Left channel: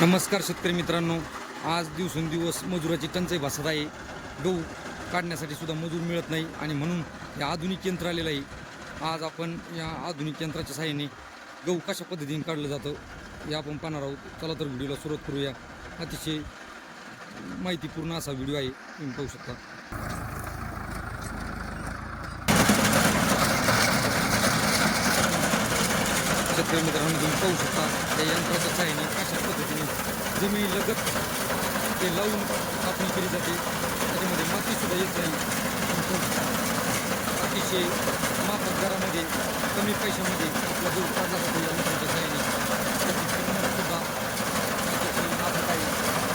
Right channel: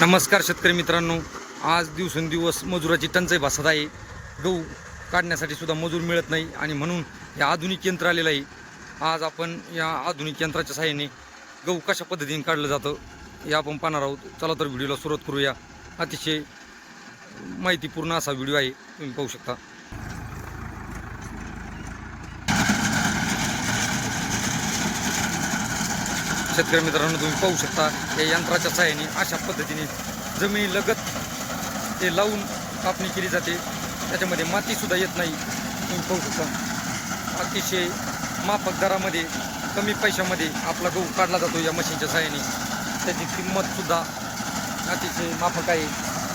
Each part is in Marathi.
नमस्कार शेतकरी मित्रांनो. आज दिवसेंदिवस मजुराची टंचाई भासत आहे. गहू काढण्यासाठी सुद्धा मजूर मिळत नाही आणि म्हणून या आधुनिक यंत्र आलेलं आहे. आज आपण या आधुनिक यंत्राच्या सहाय्याने गहू कशा पद्धतीने काढलं जातं हे आपण पाहणार आहोत. चला तर व्हिडिओला सुरुवात करूया. अतिशय माहितीपूर्ण असा व्हिडिओ आहे. तुम्ही पाहू शकता. शेतकरी मित्रांनो तुम्ही पाहू शकता या यंत्राच्या सहाय्याने अशा पद्धतीने जमिनी लगत ते लावून कापणी केली जाते. त्याच्यामध्ये मातीसुद्धा येत नाही. तुम्ही पाहू शकता अतिशय माफक दरामध्ये कमी पैशामध्ये आपला गहू काढला जातो या मशीनच्या सहाय्याने. त्याची किंमतसुद्धा अतिशय माफक आहे.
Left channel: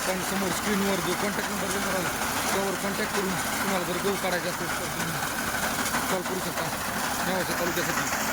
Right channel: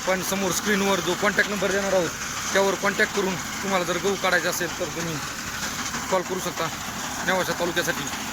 आपण समोर स्क्रीनवर जो कॉन्टॅक्ट नंबर देणार आहोत त्यावर कॉन्टॅक्ट करून तुम्हाला जर गहू काढायचा असेल तर तुम्ही कॉल करू शकता नेवाशा तालुक्यासाठी.